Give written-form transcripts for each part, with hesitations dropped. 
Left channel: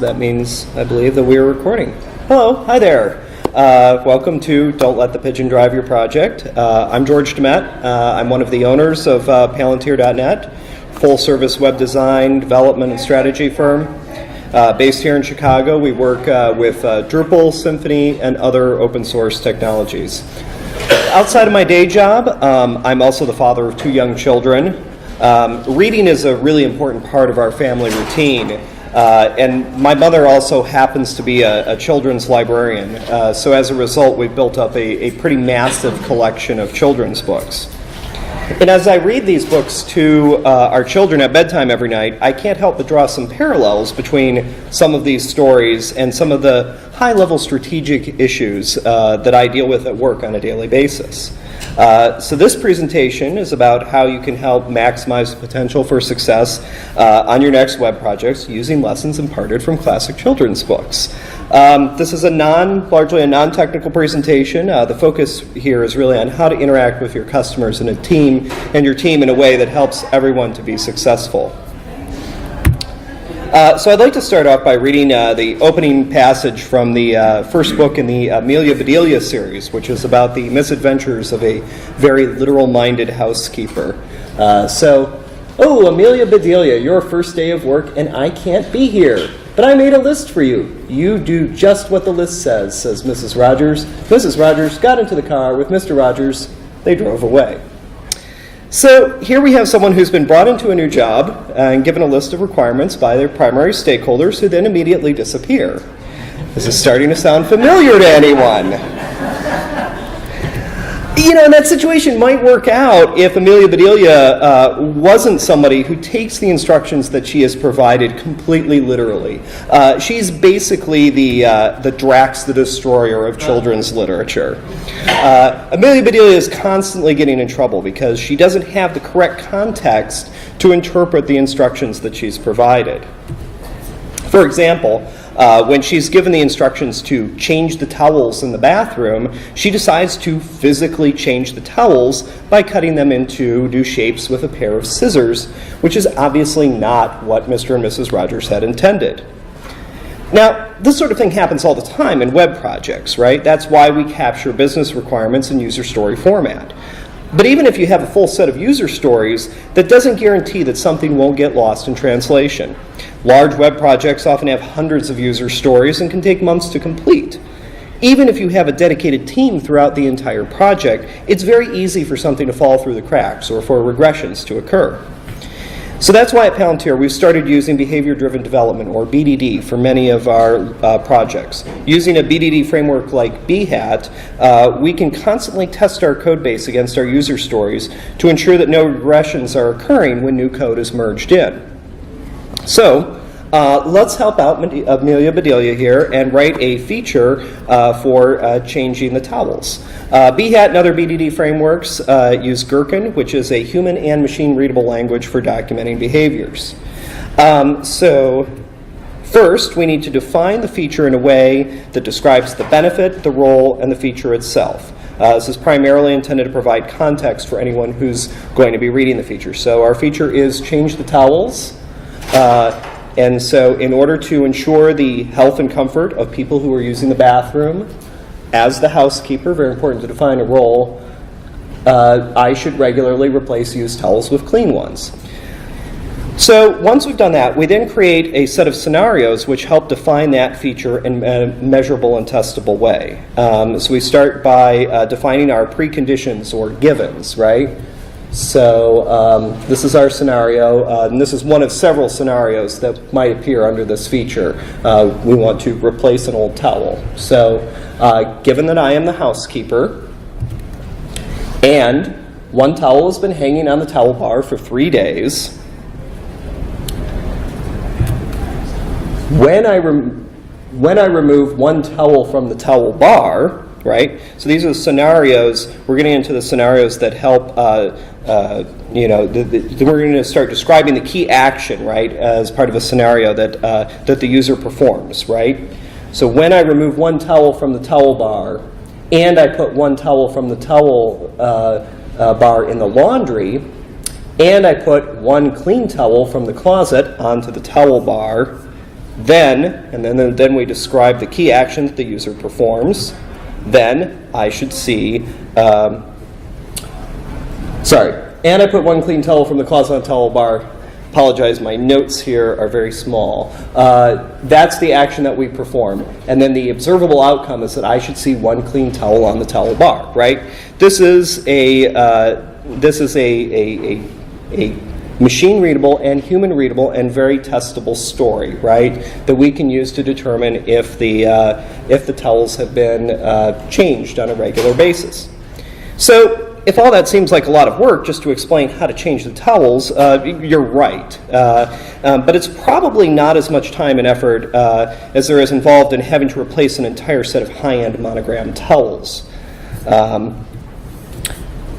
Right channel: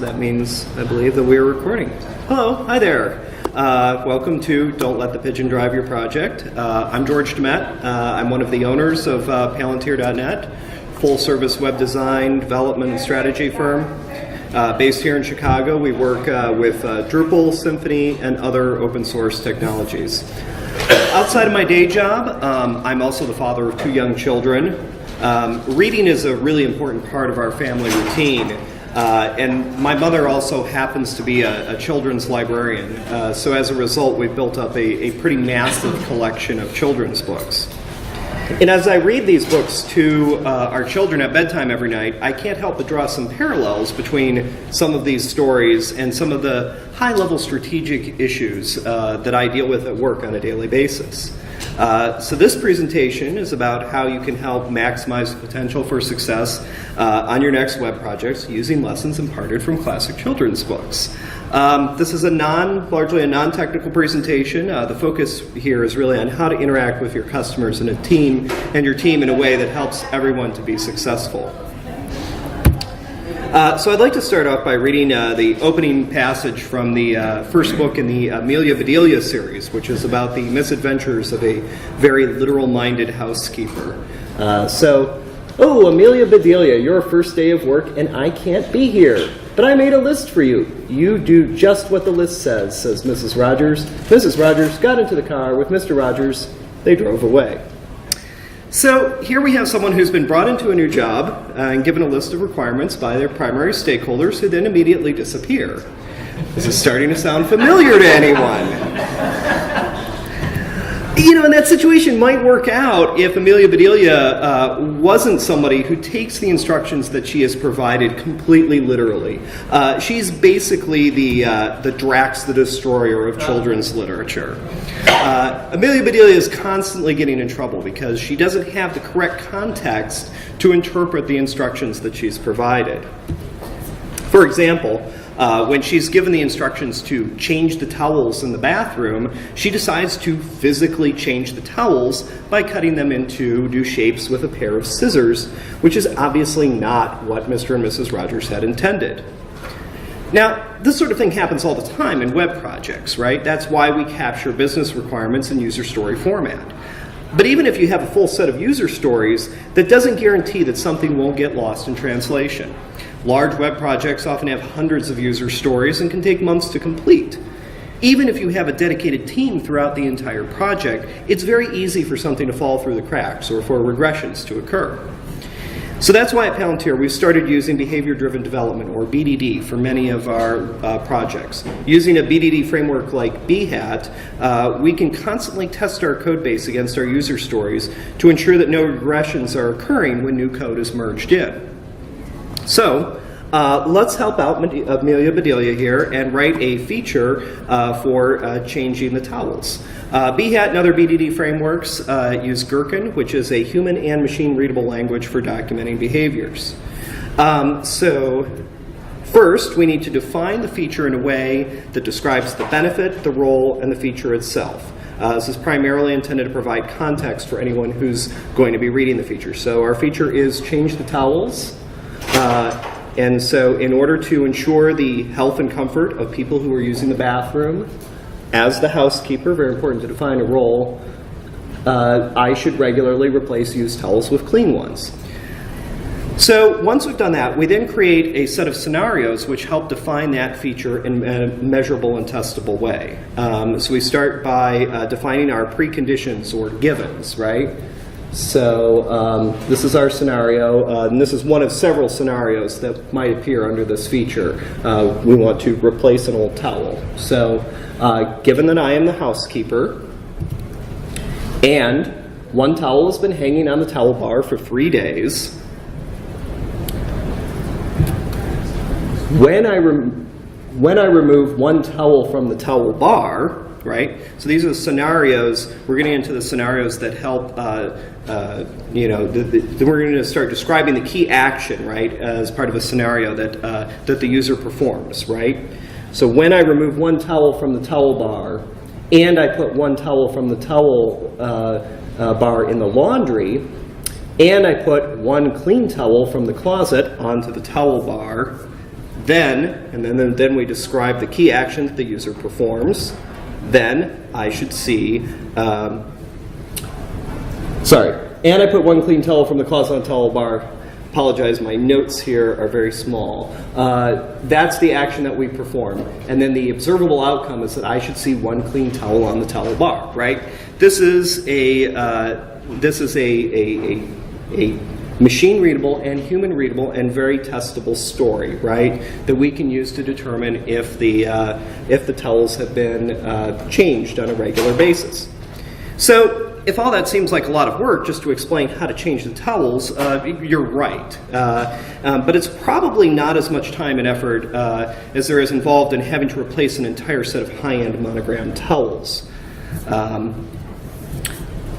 That means, I believe, that we are recording. Hello, hi there. Welcome to Don't Let the Pigeon Drive Your Project. I'm George gdemet. I'm one of the owners of Palantir.net, full-service web design, development, and strategy firm. Based here in Chicago, we work with Drupal, Symfony, and other open source technologies. Outside of my day job, I'm also the father of 2 young children. Reading is a really important part of our family routine. And my mother also happens to be a children's librarian. So as a result, we've built up a pretty massive collection of children's books. And as I read these books to our children at bedtime every night, I can't help but draw some parallels between some of these stories and some of the high-level strategic issues that I deal with at work on a daily basis. So this presentation is about how you can help maximize the potential for success on your next web projects using lessons imparted from classic children's books. This is largely a non-technical presentation. The focus here is really on how to interact with your customers and your team in a way that helps everyone to be successful. So I'd like to start off by reading the opening passage from the first book in the Amelia Bedelia series, which is about the misadventures of a very literal-minded housekeeper. Oh, Amelia Bedelia, your first day of work, and I can't be here. But I made a list for you. You do just what the list says Mrs. Rogers. Mrs. Rogers got into the car with Mr. Rogers. They drove away. So here we have someone who's been brought into a new job and given a list of requirements by their primary stakeholders who then immediately disappear. This is starting to sound familiar to anyone. You know, and that situation might work out if Amelia Bedelia wasn't somebody who takes the instructions that she has provided completely literally. She's basically the Drax the Destroyer of children's literature. Amelia Bedelia is constantly getting in trouble because she doesn't have the correct context to interpret the instructions that she's provided. For example, when she's given the instructions to change the towels in the bathroom, she decides to physically change the towels by cutting them into new shapes with a pair of scissors, which is obviously not what Mr. and Mrs. Rogers had intended. Now, this sort of thing happens all the time in web projects, right? That's why we capture business requirements in user story format. But even if you have a full set of user stories, that doesn't guarantee that something won't get lost in translation. Large web projects often have hundreds of user stories and can take months to complete. Even if you have a dedicated team throughout the entire project, it's very easy for something to fall through the cracks or for regressions to occur. So that's why at Palantir we've started using behavior-driven development, or BDD, for many of our projects. Using a BDD framework like Behat, we can constantly test our code base against our user stories to ensure that no regressions are occurring when new code is merged in. So let's help out Amelia Bedelia here and write a feature for changing the towels. Behat and other BDD frameworks use Gherkin, which is a human and machine readable language for documenting behaviors. So first, we need to define the feature in a way that describes the benefit, the role, and the feature itself. This is primarily intended to provide context for anyone who's going to be reading the feature. So our feature is change the towels. And so in order to ensure the health and comfort of people who are using the bathroom, as the housekeeper, very important to define a role, I should regularly replace used towels with clean ones. So once we've done that, we then create a set of scenarios which help define that feature in a measurable and testable way. So we start by defining our preconditions or givens, right? So this is our scenario, and this is one of several scenarios that might appear under this feature. We want to replace an old towel. So given that I am the housekeeper, and one towel has been hanging on the towel bar for 3 days, when I remove one towel from the towel bar, right? So these are the scenarios. We're getting into the scenarios that help, we're going to start describing the key action, right, as part of a scenario that the user performs, right? So when I remove one towel from the towel bar, and I put one towel from the towel bar in the laundry, and I put one clean towel from the closet onto the towel bar, Then we describe the key action that the user performs. Then I should see, and I put one clean towel from the closet on towel bar. Apologize, my notes here are very small. That's the action that we perform. And then the observable outcome is that I should see one clean towel on the towel bar, right? This is a machine-readable and human-readable and very testable story, right, that we can use to determine if the towels have been changed on a regular basis. So if all that seems like a lot of work just to explain how to change the towels, you're right. But it's probably not as much time and effort as there is involved in having to replace an entire set of high-end monogrammed towels.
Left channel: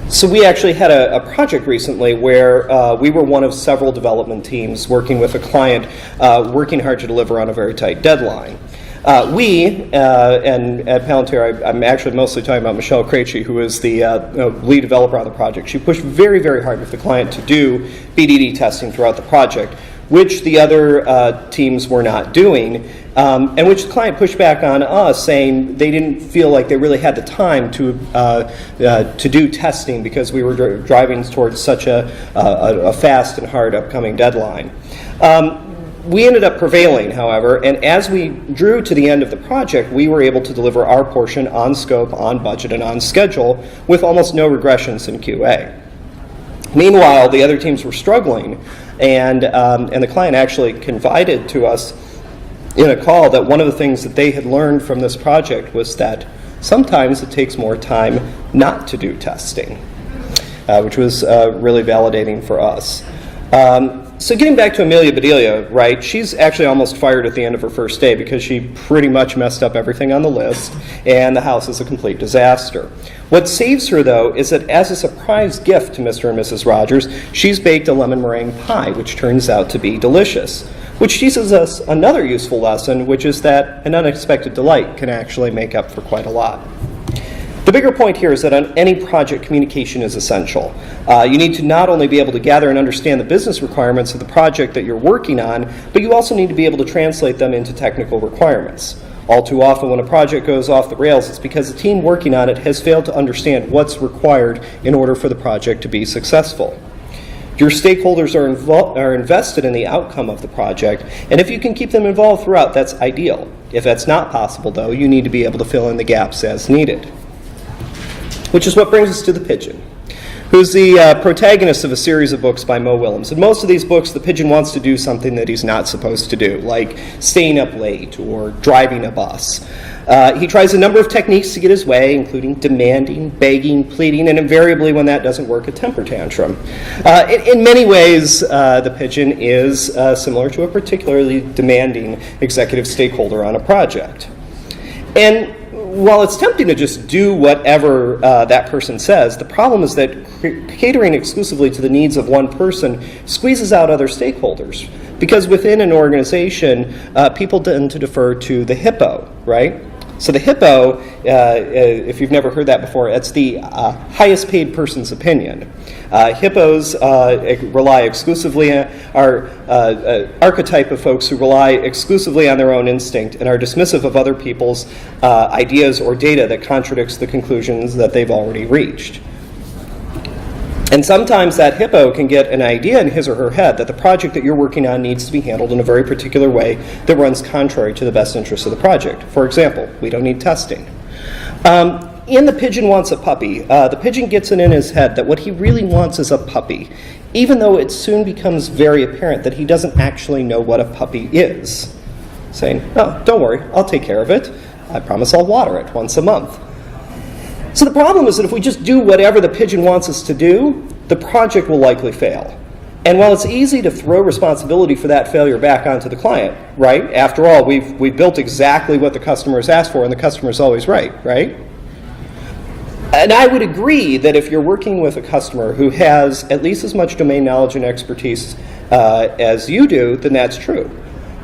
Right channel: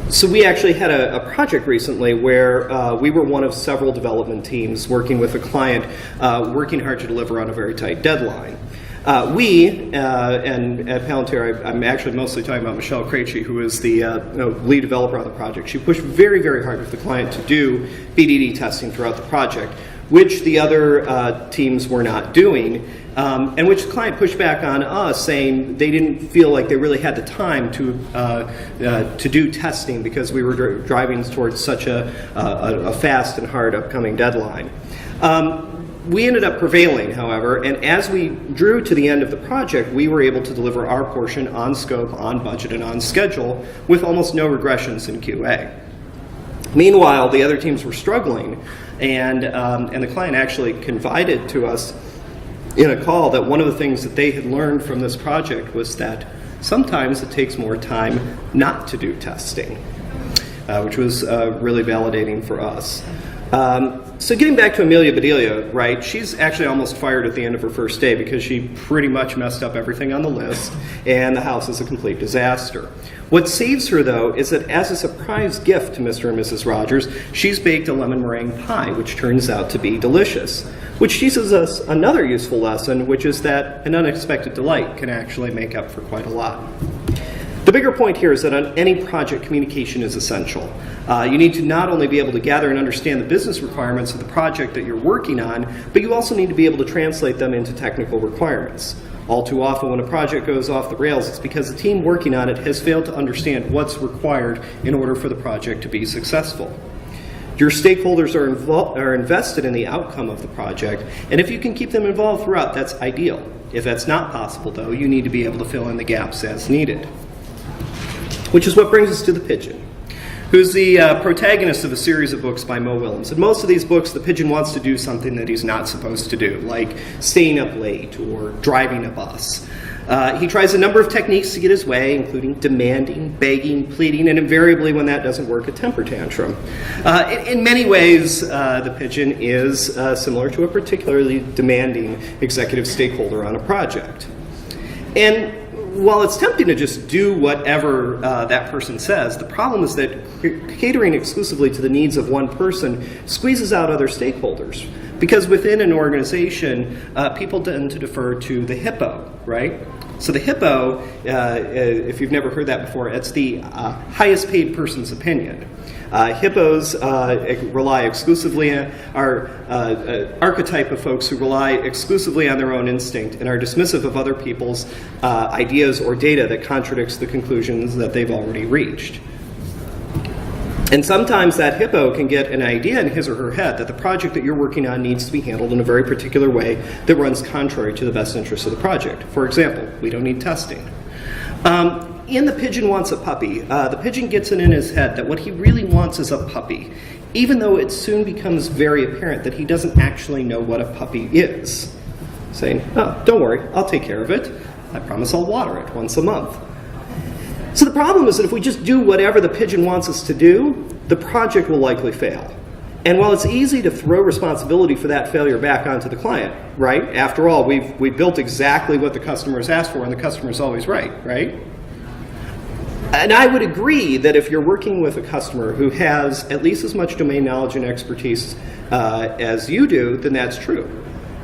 So we actually had a project recently where we were one of several development teams working with a client, working hard to deliver on a very tight deadline. And at Palantir, I'm actually mostly talking about Michelle Krejci, who is the lead developer on the project. She pushed very, very hard with the client to do BDD testing throughout the project, which the other teams were not doing, and which the client pushed back on us, saying they didn't feel like they really had the time to do testing because we were driving towards such a fast and hard upcoming deadline. We ended up prevailing, however, and as we drew to the end of the project, we were able to deliver our portion on scope, on budget, and on schedule with almost no regressions in QA. Meanwhile, the other teams were struggling, and the client actually confided to us in a call that one of the things that they had learned from this project was that sometimes it takes more time not to do testing, which was really validating for us. So getting back to Amelia Bedelia, right, she's actually almost fired at the end of her first day because she pretty much messed up everything on the list, and the house is a complete disaster. What saves her, though, is that as a surprise gift to Mr. and Mrs. Rogers, she's baked a lemon meringue pie, which turns out to be delicious, which teaches us another useful lesson, which is that an unexpected delight can actually make up for quite a lot. The bigger point here is that on any project, communication is essential. You need to not only be able to gather and understand the business requirements of the project that you're working on, but you also need to be able to translate them into technical requirements. All too often when a project goes off the rails, it's because the team working on it has failed to understand what's required in order for the project to be successful. Your stakeholders are invested in the outcome of the project, and if you can keep them involved throughout, that's ideal. If that's not possible, though, you need to be able to fill in the gaps as needed. Which is what brings us to the Pigeon, who's the protagonist of a series of books by Mo Willems. In most of these books, the Pigeon wants to do something that he's not supposed to do, like staying up late or driving a bus. He tries a number of techniques to get his way, including demanding, begging, pleading, and invariably, when that doesn't work, a temper tantrum. In many ways, the Pigeon is similar to a particularly demanding executive stakeholder on a project. And while it's tempting to just do whatever that person says, the problem is that catering exclusively to the needs of one person squeezes out other stakeholders. Because within an organization, people tend to defer to the Hippo, right? So the Hippo, if you've never heard that before, it's the highest paid person's opinion. Hippos rely exclusively on our archetype of folks who rely exclusively on their own instinct and are dismissive of other people's ideas or data that contradicts the conclusions that they've already reached. And sometimes that hippo can get an idea in his or her head that the project that you're working on needs to be handled in a very particular way that runs contrary to the best interests of the project. For example, we don't need testing. In The Pigeon Wants a Puppy, the pigeon gets it in his head that what he really wants is a puppy, even though it soon becomes very apparent that he doesn't actually know what a puppy is. Saying, "Oh, don't worry, I'll take care of it. I promise I'll water it once a month." So the problem is that if we just do whatever the pigeon wants us to do, the project will likely fail. And while it's easy to throw responsibility for that failure back onto the client, right? After all, we've built exactly what the customer has asked for, and the customer's always right? And I would agree that if you're working with a customer who has at least as much domain knowledge and expertise as you do, then that's true.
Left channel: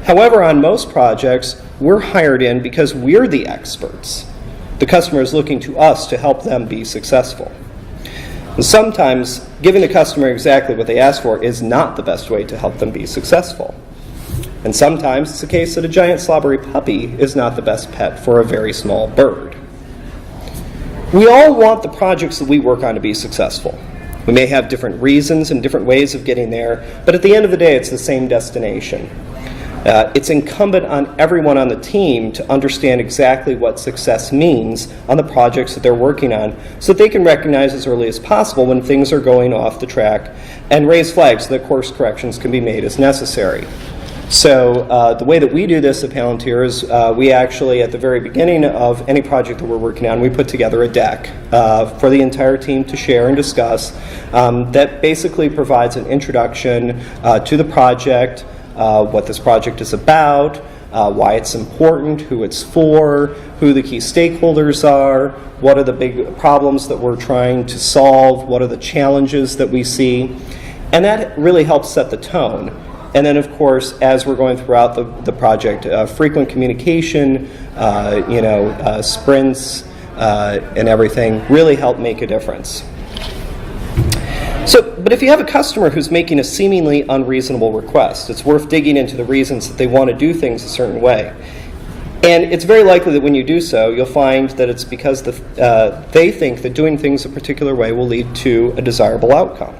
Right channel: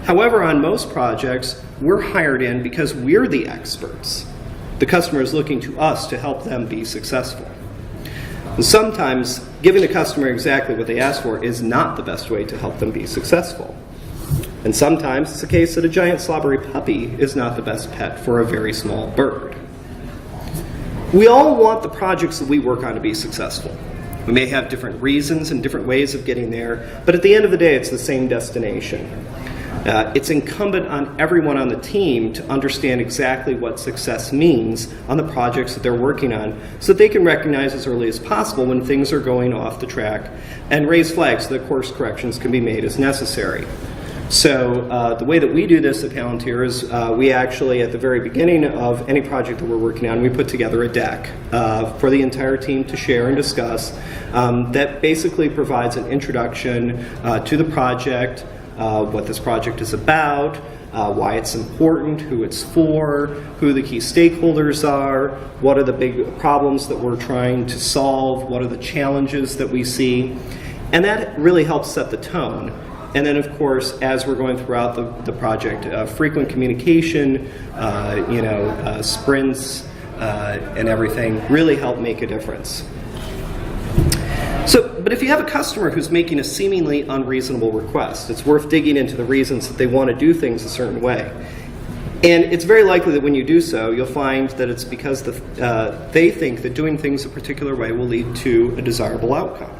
However, on most projects, we're hired in because we're the experts. The customer is looking to us to help them be successful. And sometimes, giving the customer exactly what they ask for is not the best way to help them be successful. And sometimes it's the case that a giant slobbery puppy is not the best pet for a very small bird. We all want the projects that we work on to be successful. We may have different reasons and different ways of getting there, but at the end of the day, it's the same destination. It's incumbent on everyone on the team to understand exactly what success means on the projects that they're working on so that they can recognize as early as possible when things are going off the track and raise flags so that course corrections can be made as necessary. So the way that we do this at Palantir is we actually, at the very beginning of any project that we're working on, we put together a deck for the entire team to share and discuss that basically provides an introduction to the project, what this project is about, why it's important, who it's for, who the key stakeholders are, what are the big problems that we're trying to solve, what are the challenges that we see, and that really helps set the tone. And then, of course, as we're going throughout the project, frequent communication, sprints, and everything really help make a difference. But if you have a customer who's making a seemingly unreasonable request, it's worth digging into the reasons that they want to do things a certain way. And it's very likely that when you do so, you'll find that it's because they think that doing things a particular way will lead to a desirable outcome.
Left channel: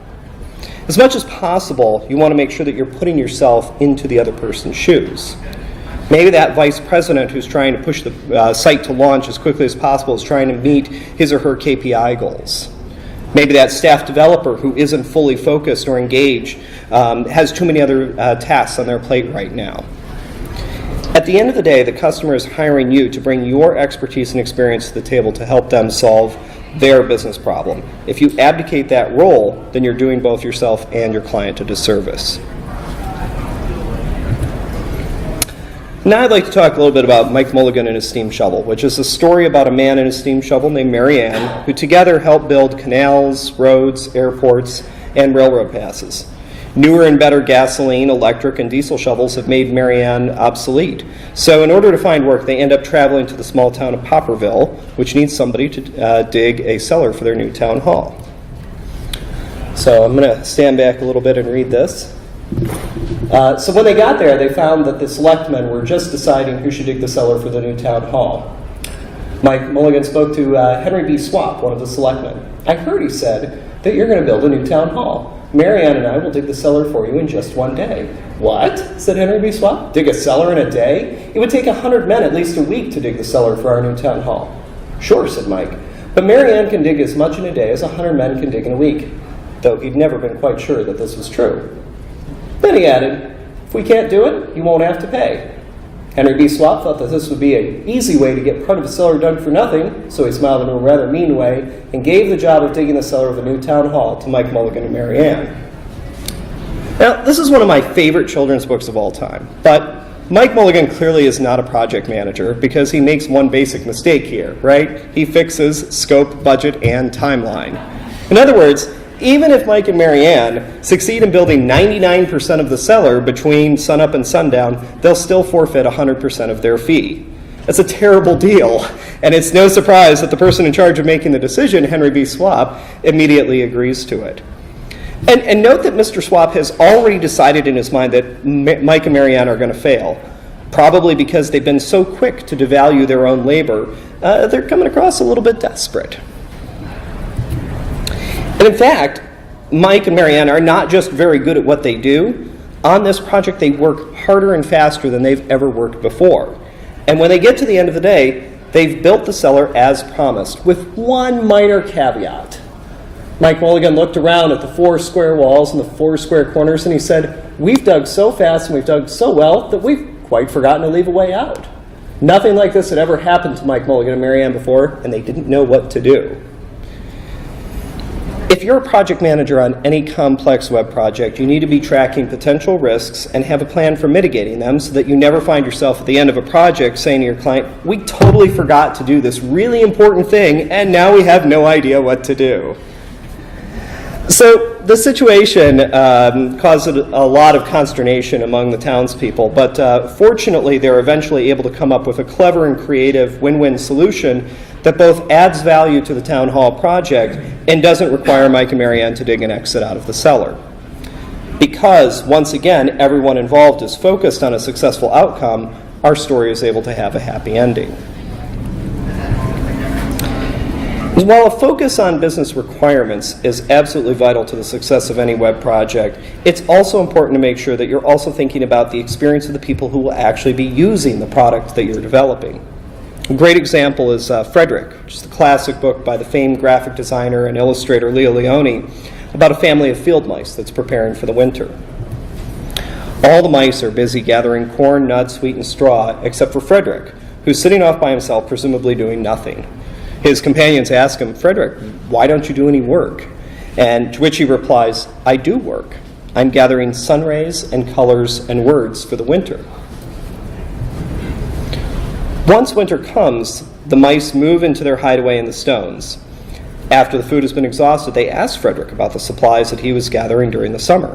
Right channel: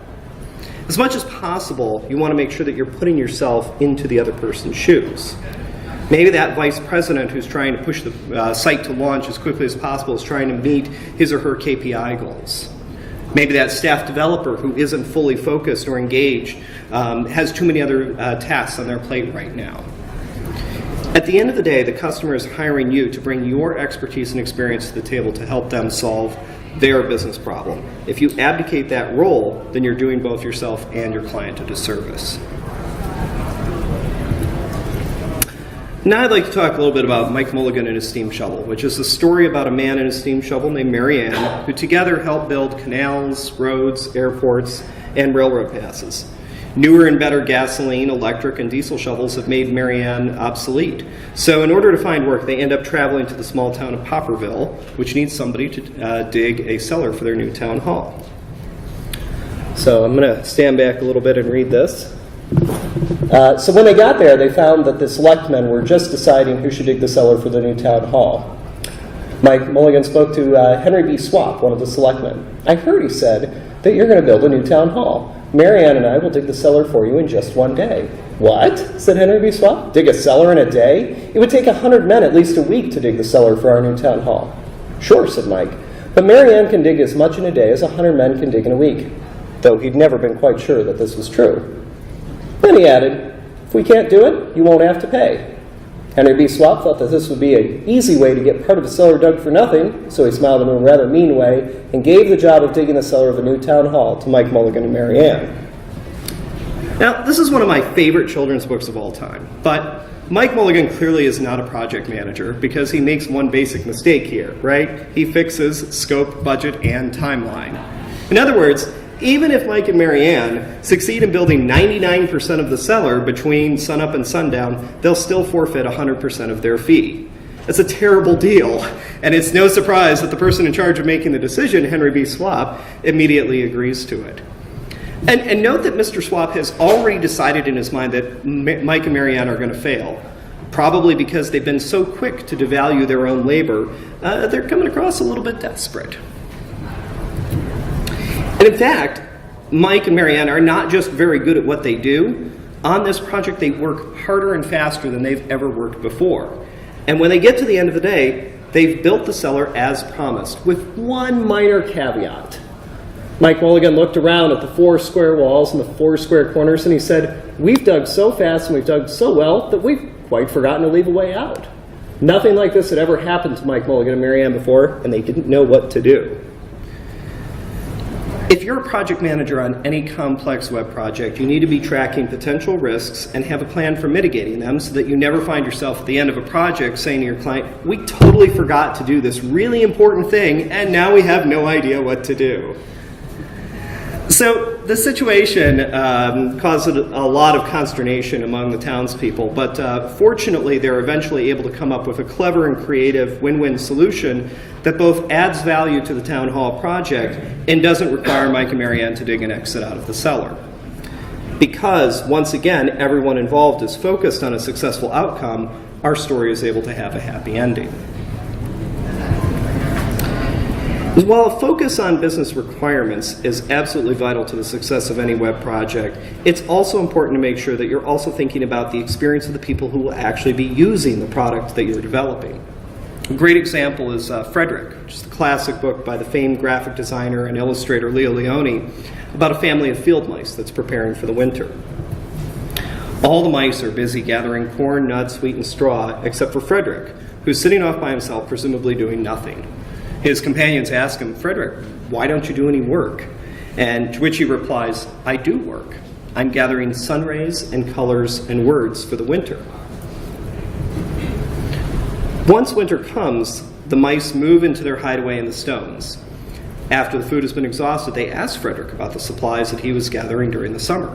As much as possible, you want to make sure that you're putting yourself into the other person's shoes. Maybe that vice president who's trying to push the site to launch as quickly as possible is trying to meet his or her KPI goals. Maybe that staff developer who isn't fully focused or engaged has too many other tasks on their plate right now. At the end of the day, the customer is hiring you to bring your expertise and experience to the table to help them solve their business problem. If you abdicate that role, then you're doing both yourself and your client a disservice. Now I'd like to talk a little bit about Mike Mulligan and his steam shovel, which is a story about a man and a steam shovel named Mary Ann, who together helped build canals, roads, airports, and railroad passes. Newer and better gasoline, electric, and diesel shovels have made Mary Ann obsolete. So in order to find work, they end up traveling to the small town of Popperville, which needs somebody to dig a cellar for their new town hall. So I'm going to stand back a little bit and read this. So when they got there, they found that the selectmen were just deciding who should dig the cellar for the new town hall. Mike Mulligan spoke to Henry B. Swap, one of the selectmen. I heard, he said, that you're going to build a new town hall. Mary Ann and I will dig the cellar for you in just one day. What? Said Henry B. Swap. Dig a cellar in a day? It would take 100 men at least a week to dig the cellar for our new town hall. Sure, said Mike. But Mary Ann can dig as much in a day as 100 men can dig in a week, though he'd never been quite sure that this was true. Then he added, if we can't do it, you won't have to pay. Henry B. Swap thought that this would be an easy way to get part of a cellar dug for nothing, so he smiled in a rather mean way and gave the job of digging the cellar of the new town hall to Mike Mulligan and Mary Ann. Now, this is one of my favorite children's books of all time, but Mike Mulligan clearly is not a project manager because he makes one basic mistake here, right? He fixes scope, budget, and timeline. In other words, even if Mike and Mary Ann succeed in building 99% of the cellar between sunup and sundown, they'll still forfeit 100% of their fee. It's a terrible deal, and it's no surprise that the person in charge of making the decision, Henry B. Swap, immediately agrees to it. And note that Mr. Swap has already decided in his mind that Mike and Mary Ann are going to fail, probably because they've been so quick to devalue their own labor, they're coming across a little bit desperate. And in fact, Mike and Mary Ann are not just very good at what they do. On this project, they work harder and faster than they've ever worked before. And when they get to the end of the day, they've built the cellar as promised, with one minor caveat. Mike Mulligan looked around at the 4 square walls and the 4 square corners, and he said, we've dug so fast and we've dug so well that we've quite forgotten to leave a way out. Nothing like this had ever happened to Mike Mulligan and Mary Ann before, and they didn't know what to do. If you're a project manager on any complex web project, you need to be tracking potential risks and have a plan for mitigating them so that you never find yourself at the end of a project saying to your client, we totally forgot to do this really important thing, and now we have no idea what to do. So the situation caused a lot of consternation among the townspeople, but fortunately they're eventually able to come up with a clever and creative win-win solution that both adds value to the town hall project and doesn't require Mike and Mary Ann to dig an exit out of the cellar. Because, once again, everyone involved is focused on a successful outcome, our story is able to have a happy ending. While a focus on business requirements is absolutely vital to the success of any web project, it's also important to make sure that you're also thinking about the experience of the people who will actually be using the product that you're developing. A great example is Frederic, which is the classic book by the famed graphic designer and illustrator Leo Leone about a family of field mice that's preparing for the winter. All the mice are busy gathering corn, nuts, wheat, and straw, except for Frederic, who's sitting off by himself, presumably doing nothing. His companions ask him, "Frederic, why don't you do any work?" And to which he replies, "I do work. I'm gathering sun rays and colors and words for the winter." Once winter comes, the mice move into their hideaway in the stones. After the food has been exhausted, they ask Frederic about the supplies that he was gathering during the summer.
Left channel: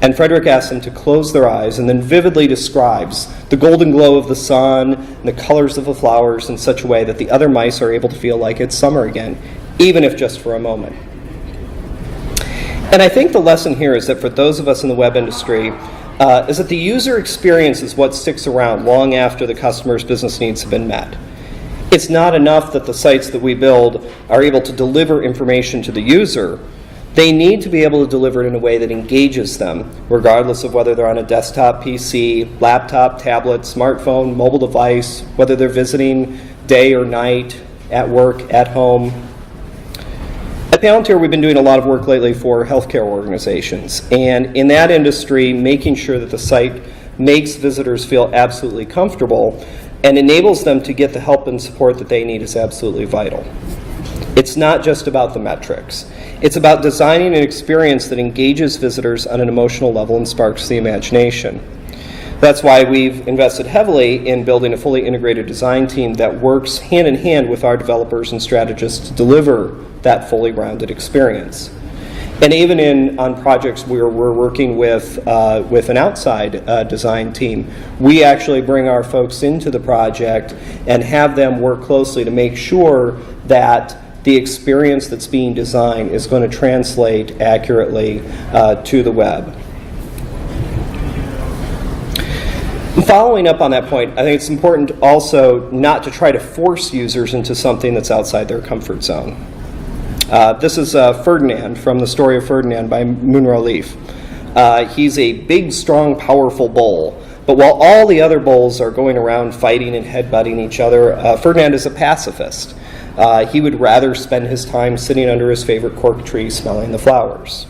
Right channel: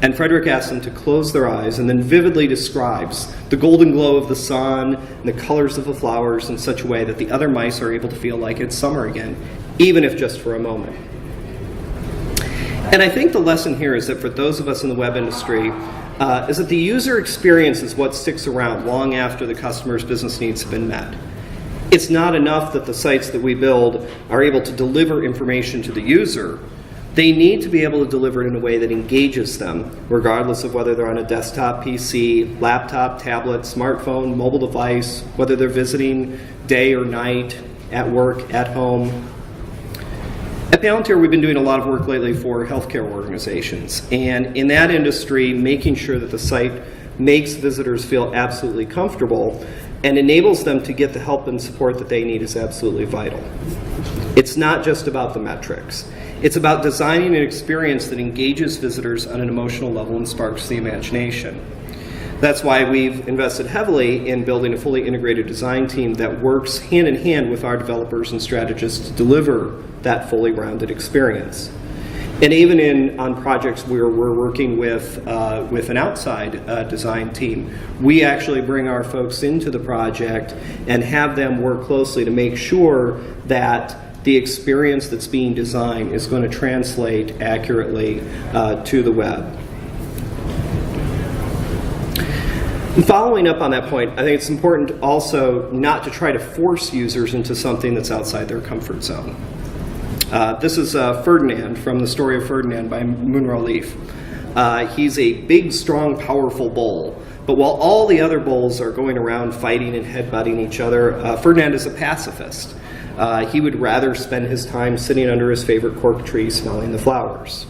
And Frederic asks them to close their eyes and then vividly describes the golden glow of the sun and the colors of the flowers in such a way that the other mice are able to feel like it's summer again, even if just for a moment. And I think the lesson here is that for those of us in the web industry, is that the user experience is what sticks around long after the customer's business needs have been met. It's not enough that the sites that we build are able to deliver information to the user. They need to be able to deliver it in a way that engages them, regardless of whether they're on a desktop PC, laptop, tablet, smartphone, mobile device, whether they're visiting day or night, at work, at home. At Palantir, we've been doing a lot of work lately for healthcare organizations. And in that industry, making sure that the site makes visitors feel absolutely comfortable and enables them to get the help and support that they need is absolutely vital. It's not just about the metrics. It's about designing an experience that engages visitors on an emotional level and sparks the imagination. That's why we've invested heavily in building a fully integrated design team that works hand in hand with our developers and strategists to deliver that fully rounded experience. And even on projects where we're working with an outside design team, we actually bring our folks into the project and have them work closely to make sure that the experience that's being designed is going to translate accurately to the web. And following up on that point, I think it's important also not to try to force users into something that's outside their comfort zone. This is Ferdinand from The Story of Ferdinand by Munro Leaf. He's a big, strong, powerful bull. But while all the other bulls are going around fighting and headbutting each other, Ferdinand is a pacifist. He would rather spend his time sitting under his favorite cork tree smelling the flowers.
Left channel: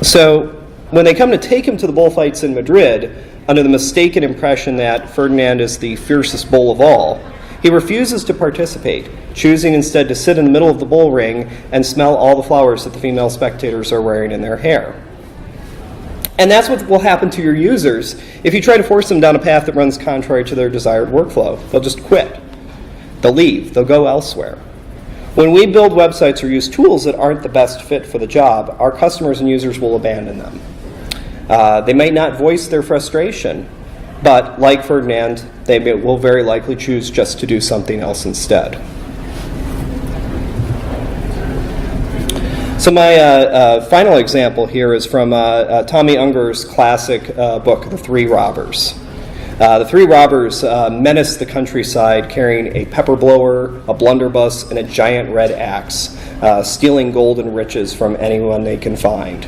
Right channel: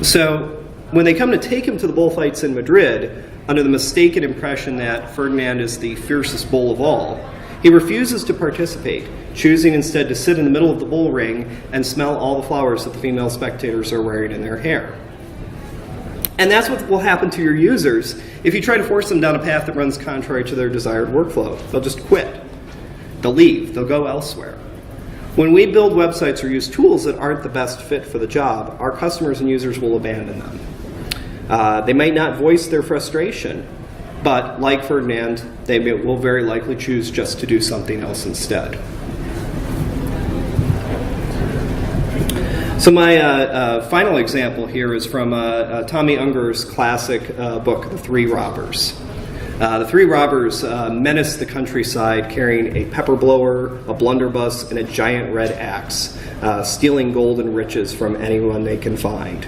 So when they come to take him to the bullfights in Madrid, under the mistaken impression that Ferdinand is the fiercest bull of all, he refuses to participate, choosing instead to sit in the middle of the bull ring and smell all the flowers that the female spectators are wearing in their hair. And that's what will happen to your users if you try to force them down a path that runs contrary to their desired workflow. They'll just quit. They'll leave. They'll go elsewhere. When we build websites or use tools that aren't the best fit for the job, our customers and users will abandon them. They might not voice their frustration, but like Ferdinand, they will very likely choose just to do something else instead. So my final example here is from Tommy Unger's classic book, The Three Robbers. The three robbers menace the countryside carrying a pepper blower, a blunderbuss, and a giant red axe, stealing gold and riches from anyone they can find.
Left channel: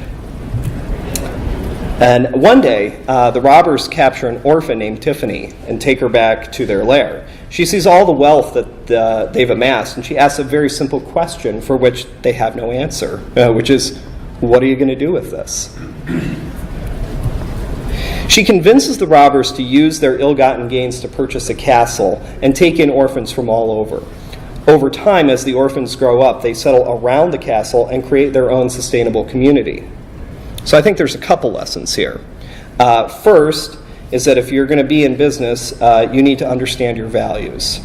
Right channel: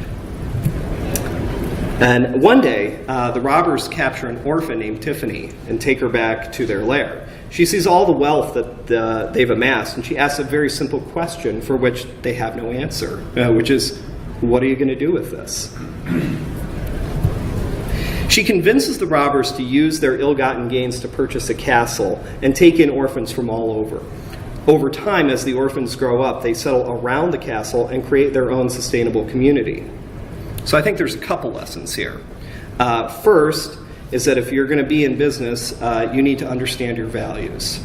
And one day, the robbers capture an orphan named Tiffany and take her back to their lair. She sees all the wealth that they've amassed, and she asks a very simple question for which they have no answer, which is, what are you going to do with this? She convinces the robbers to use their ill-gotten gains to purchase a castle and take in orphans from all over. Over time, as the orphans grow up, they settle around the castle and create their own sustainable community. So I think there's a couple lessons here. First is that if you're going to be in business, you need to understand your values.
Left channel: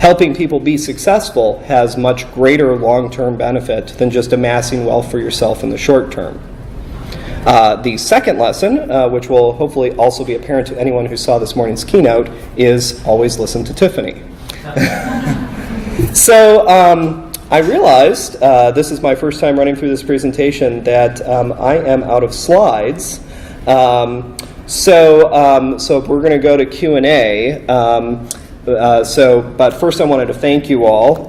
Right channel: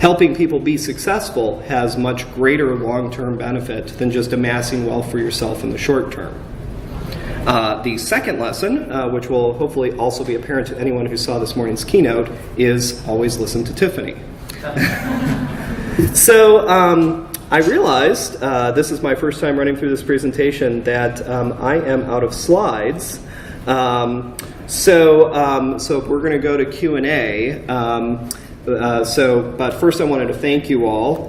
Helping people be successful has much greater long-term benefit than just amassing wealth for yourself in the short term. The second lesson, which will hopefully also be apparent to anyone who saw this morning's keynote, is always listen to Tiffany. So I realized, this is my first time running through this presentation, that I am out of slides. So we're going to go to Q&A. But first I wanted to thank you all.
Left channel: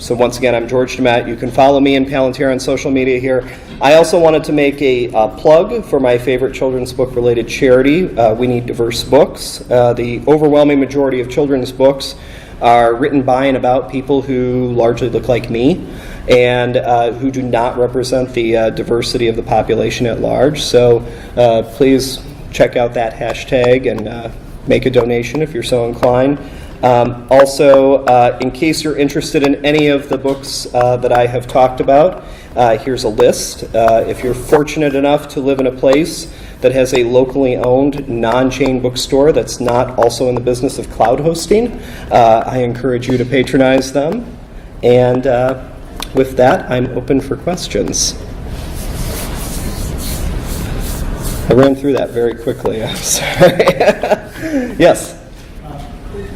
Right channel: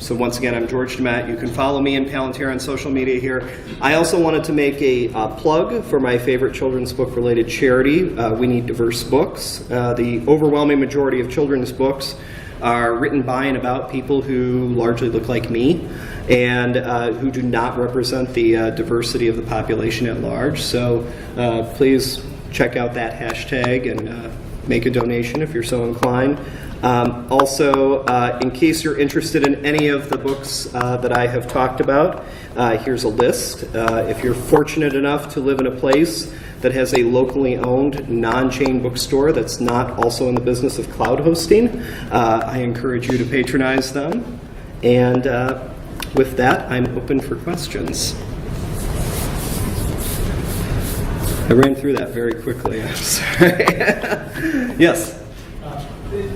So once again, I'm George Gdemet. You can follow me and Palantir on social media here. I also wanted to make a plug for my favorite children's book-related charity, We Need Diverse Books. The overwhelming majority of children's books are written by and about people who largely look like me and who do not represent the diversity of the population at large. So please check out that hashtag and make a donation if you're so inclined. Also, in case you're interested in any of the books that I have talked about, here's a list. If you're fortunate enough to live in a place that has a locally owned non-chain bookstore that's not also in the business of cloud hosting, I encourage you to patronize them. And with that, I'm open for questions. I ran through that very quickly. I'm sorry. Yes?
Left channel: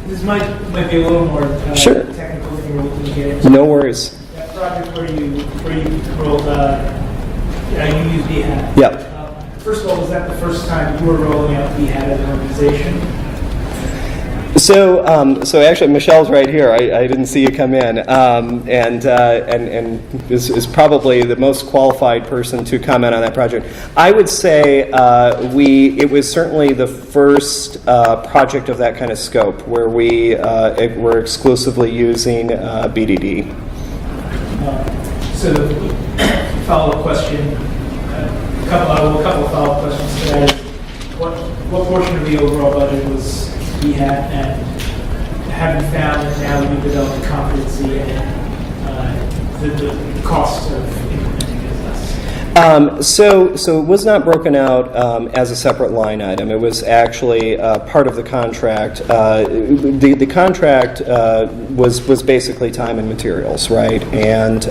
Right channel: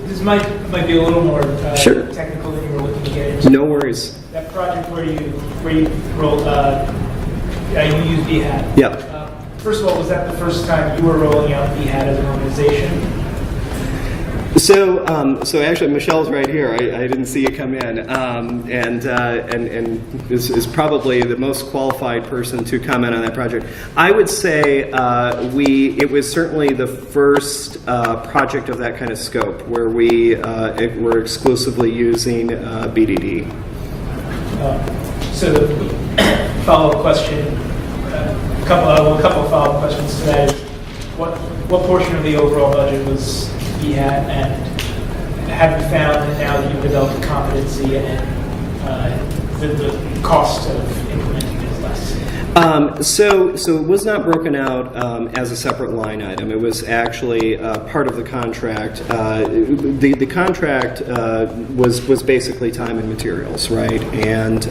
This might be a little more sure. technical than you were looking to get into. No worries. That project where you rolled, you used BHAT. Yeah. First of all, was that the first time you were rolling out BHAT as an organization? So actually, Michelle's right here. I didn't see you come in, and is probably the most qualified person to comment on that project. I would say it was certainly the first project of that kind of scope where we were exclusively using BDD. So, follow-up question. A couple of follow-up questions to that is, what portion of the overall budget was BHAT, and have you found that now that you've developed competency and the cost of implementing it is less? So it was not broken out as a separate line item. It was actually part of the contract. The contract was basically time and materials, right? And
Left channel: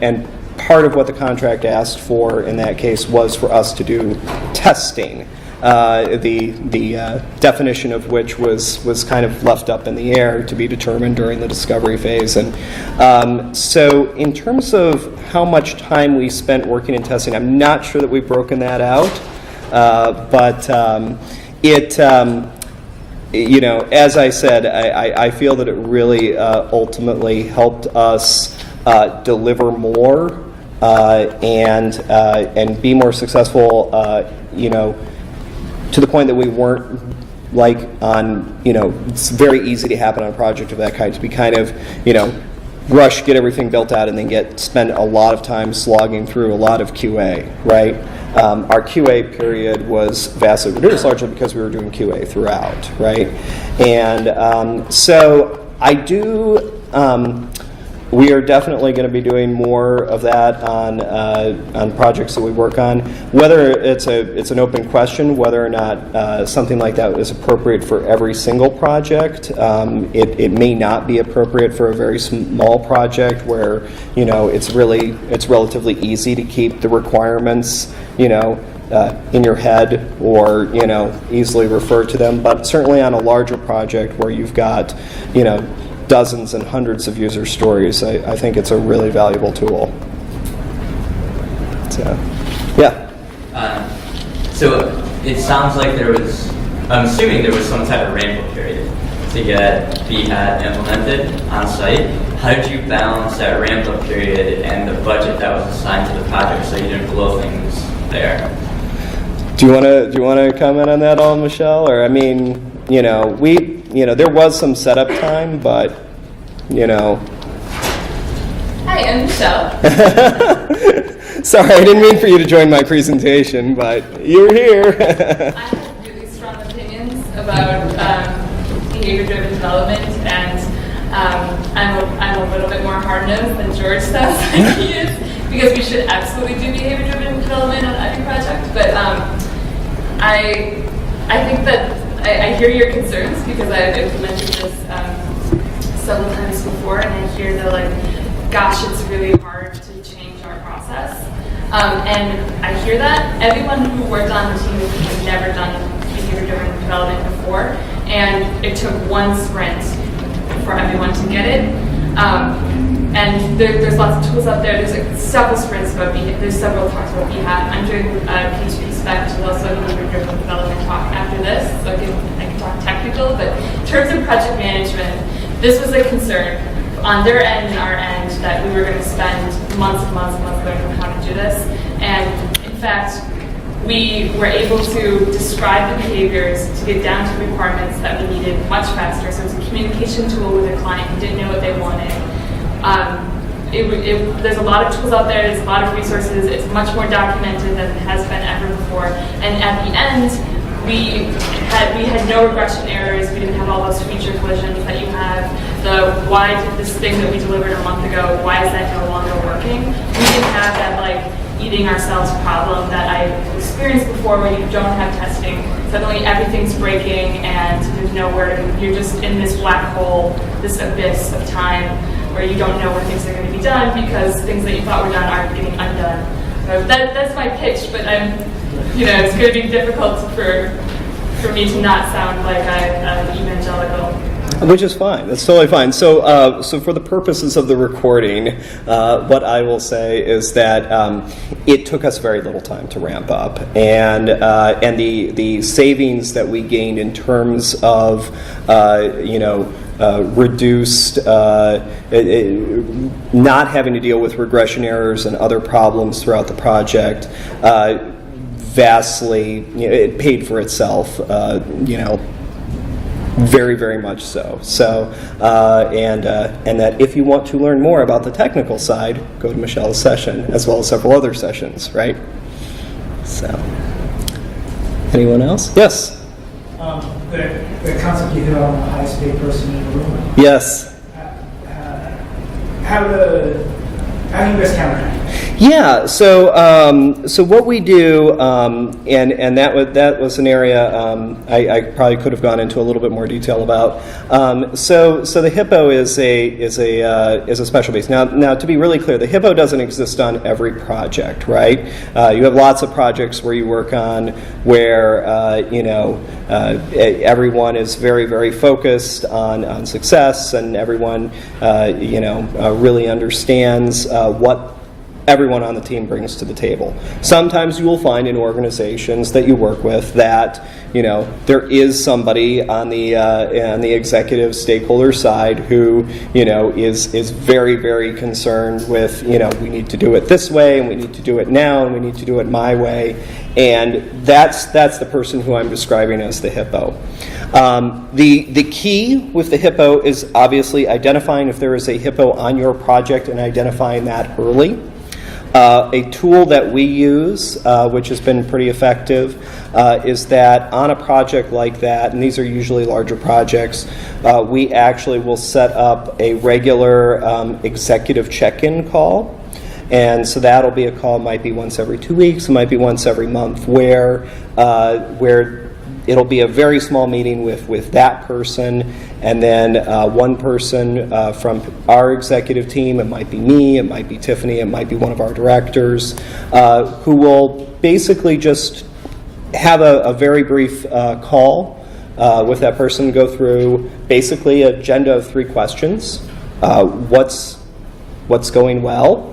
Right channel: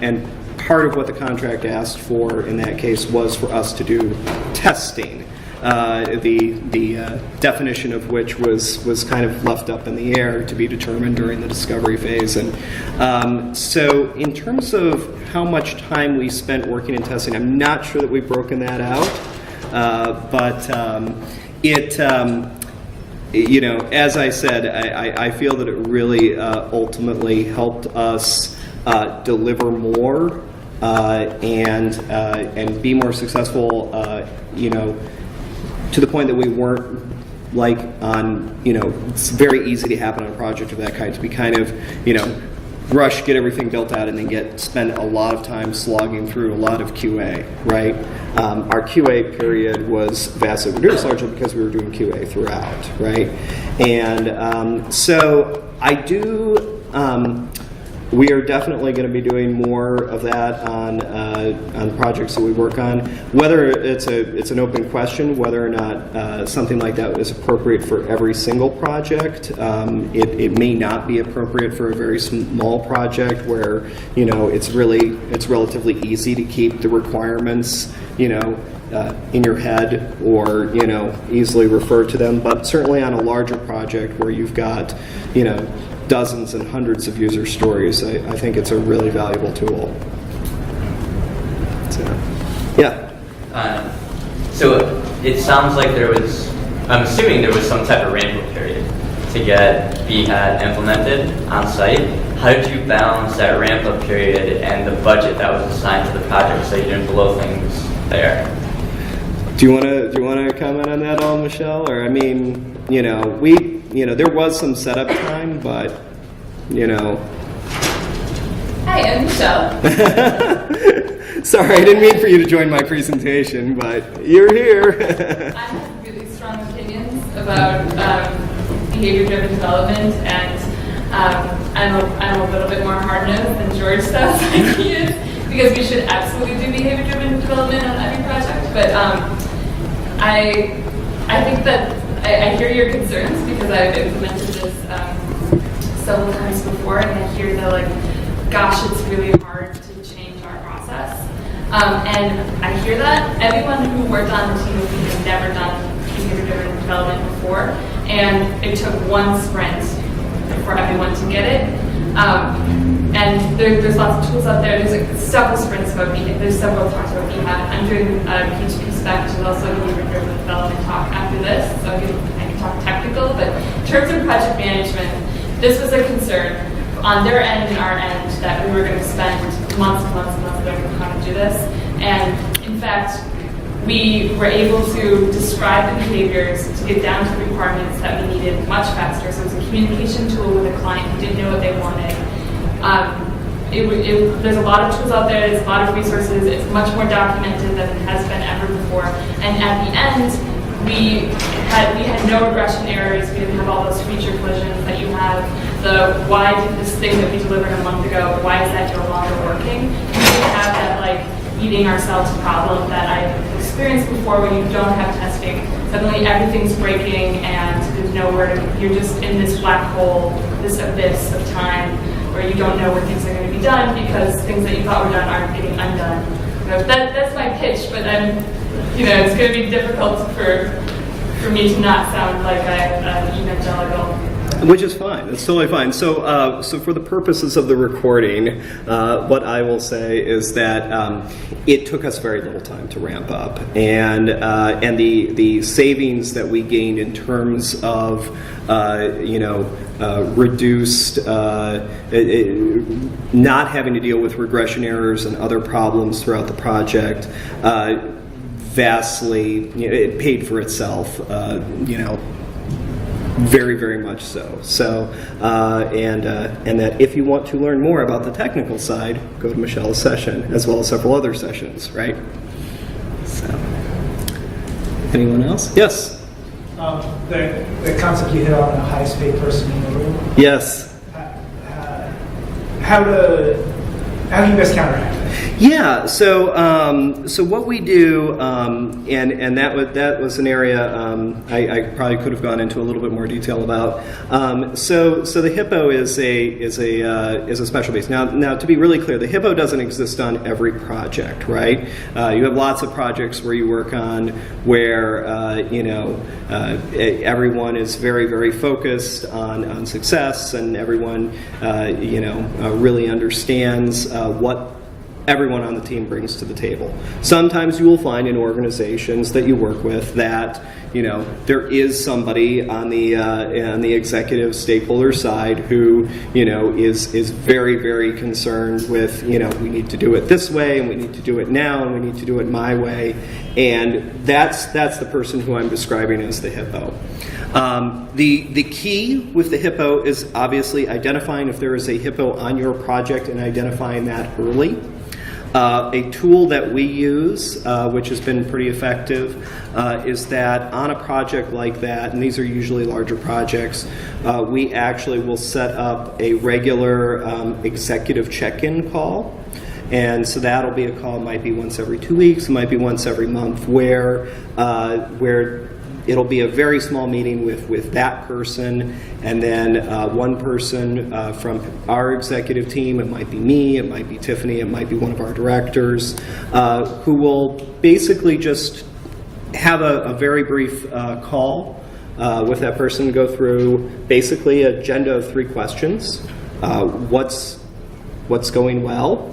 and part of what the contract asked for in that case was for us to do testing. The definition of which was kind of left up in the air to be determined during the discovery phase. And so in terms of how much time we spent working and testing, I'm not sure that we've broken that out. But as I said, I feel that it really ultimately helped us deliver more and be more successful, to the point that we weren't it's very easy to happen on a project of that kind, to be kind of, rush, get everything built out, and then spend a lot of time slogging through a lot of QA, right? Our QA period was vastly reduced, largely because we were doing QA throughout, right? And so I do. We are definitely going to be doing more of that on projects that we work on. Whether it's an open question, whether or not something like that is appropriate for every single project. It may not be appropriate for a very small project where it's relatively easy to keep the requirements in your head or easily refer to them. But certainly on a larger project where you've got dozens and hundreds of user stories, I think it's a really valuable tool. So, yeah. So it sounds like I'm assuming there was some type of ramp-up period to get BHAT implemented on site. How did you balance that ramp-up period and the budget that was assigned to the project so you didn't blow things there? Do you want to comment on that all, Michelle? Or there was some setup time, but Hi, I'm Michelle. Sorry, I didn't mean for you to join my presentation, but you're here. I have really strong opinions about behavior-driven development, and I'm a little bit more hard-nosed than George does, like he is, because we should absolutely do behavior-driven development on every project. But I think that I hear your concerns because I've implemented this several times before, and I hear that gosh, it's really hard to change our process. And I hear that. Everyone who worked on the team with me has never done behavior-driven development before, and it took one sprint for everyone to get it. And there's lots of tools out there. There's like several sprints about BHAT. There's several talks about BHAT. I'm doing a PHP spec, which is also a behavior-driven development talk after this, so I can talk technical. But in terms of project management, this was a concern on their end and our end that we were going to spend months and months and months learning how to do this. And in fact, we were able to describe the behaviors to get down to requirements that we needed much faster. So it's a communication tool with a client who didn't know what they wanted. There's a lot of tools out there, there's a lot of resources, it's much more documented than it has been ever before. And at the end, we had no regression errors, we didn't have all those feature collisions that you have. Why did this thing that we delivered a month ago, why is that no longer working? We didn't have that like eating ourselves problem that I've experienced before when you don't have testing. Suddenly everything's breaking and there's nowhere to, you're just in this black hole, this abyss of time where you don't know when things are going to be done because things that you thought were done aren't getting undone. So that's my pitch, but it's going to be difficult for me to not sound like I'm an evangelical. Which is fine. That's totally fine. So, so for the purposes of the recording, what I will say is that it took us very little time to ramp up, and the savings that we gained in terms of reduced not having to deal with regression errors and other problems throughout the project vastly, it paid for itself. Very, very much so. So, and that if you want to learn more about the technical side, go to Michelle's session, as well as several other sessions, right? So, anyone else? Yes? The concept you hit on the highest paid person in the room. Yes. How do you guys counteract that? Yeah, so what we do, and that was an area I probably could have gone into a little bit more detail about. So the Hippo is a special base. Now to be really clear, the Hippo doesn't exist on every project, right? You have lots of projects where you work on where everyone is very, very focused on success, and everyone really understands what everyone on the team brings to the table. Sometimes you will find in organizations that you work with that there is somebody on the executive stakeholder side who is very, very concerned with we need to do it this way, and we need to do it now, and we need to do it my way, and that's the person who I'm describing as the Hippo. The key with the Hippo is obviously identifying if there is a Hippo on your project and identifying that early. A tool that we use, which has been pretty effective, is that on a project like that, and these are usually larger projects, we actually will set up a regular executive check-in call. And so that'll be a call, might be once every 2 weeks, it might be once every month, where it'll be a very small meeting with that person, and then one person from our executive team, it might be me, it might be Tiffany, it might be one of our directors, who will basically just have a very brief call with that person to go through basically an agenda of 3 questions. What's going well?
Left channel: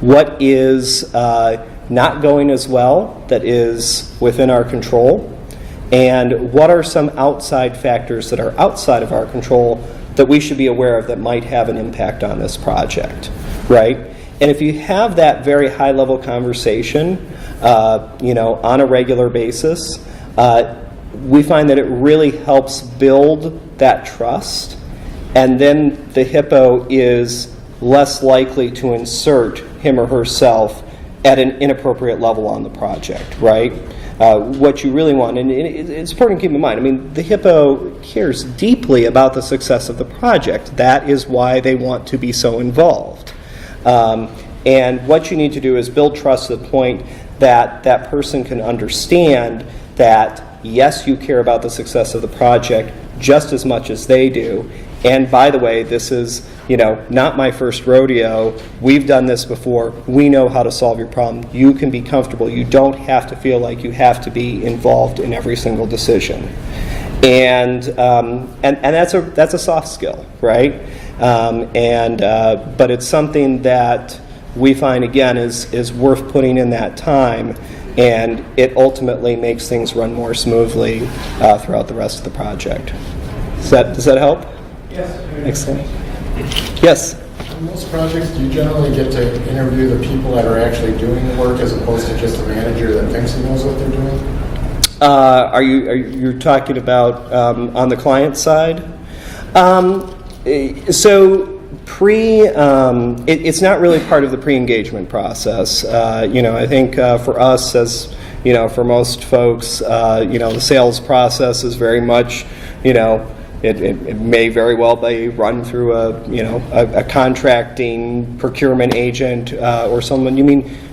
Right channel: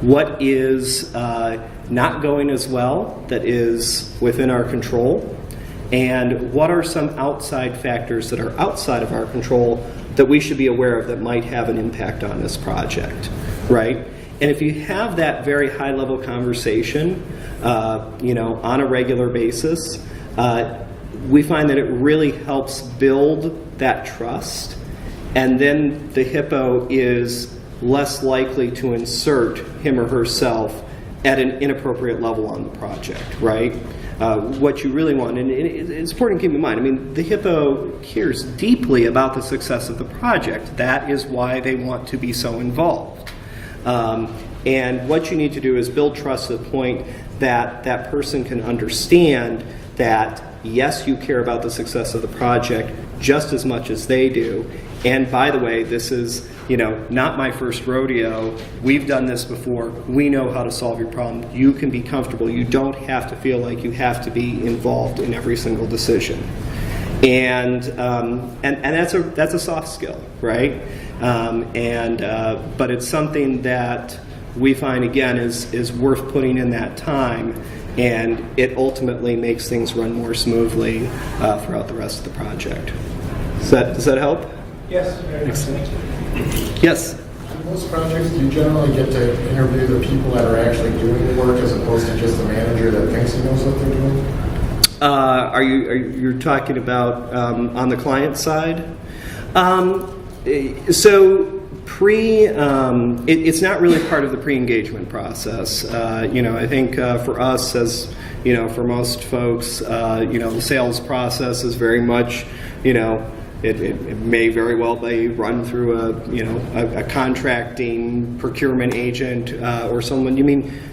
What is not going as well that is within our control, and what are some outside factors that are outside of our control that we should be aware of that might have an impact on this project, right? And if you have that very high-level conversation, on a regular basis, we find that it really helps build that trust, and then the Hippo is less likely to insert him or herself at an inappropriate level on the project, right? What you really want, and it's important to keep in mind, the Hippo cares deeply about the success of the project. That is why they want to be so involved. And what you need to do is build trust to the point that that person can understand that, yes, you care about the success of the project just as much as they do. And by the way, this is not my first rodeo. We've done this before. We know how to solve your problem. You can be comfortable. You don't have to feel like you have to be involved in every single decision. and that's a soft skill, right? But it's something that we find, again, is worth putting in that time, and it ultimately makes things run more smoothly throughout the rest of the project. Does that help? Yes. Very Excellent. much. Yes. In most projects, do you generally get to interview the people that are actually doing the work as opposed to just a manager that thinks he knows what they're doing? Are you talking about on the client side? So it's not really part of the pre-engagement process. I think for us, as for most folks, the sales process is very much, it may very well be run through a contracting procurement agent or someone.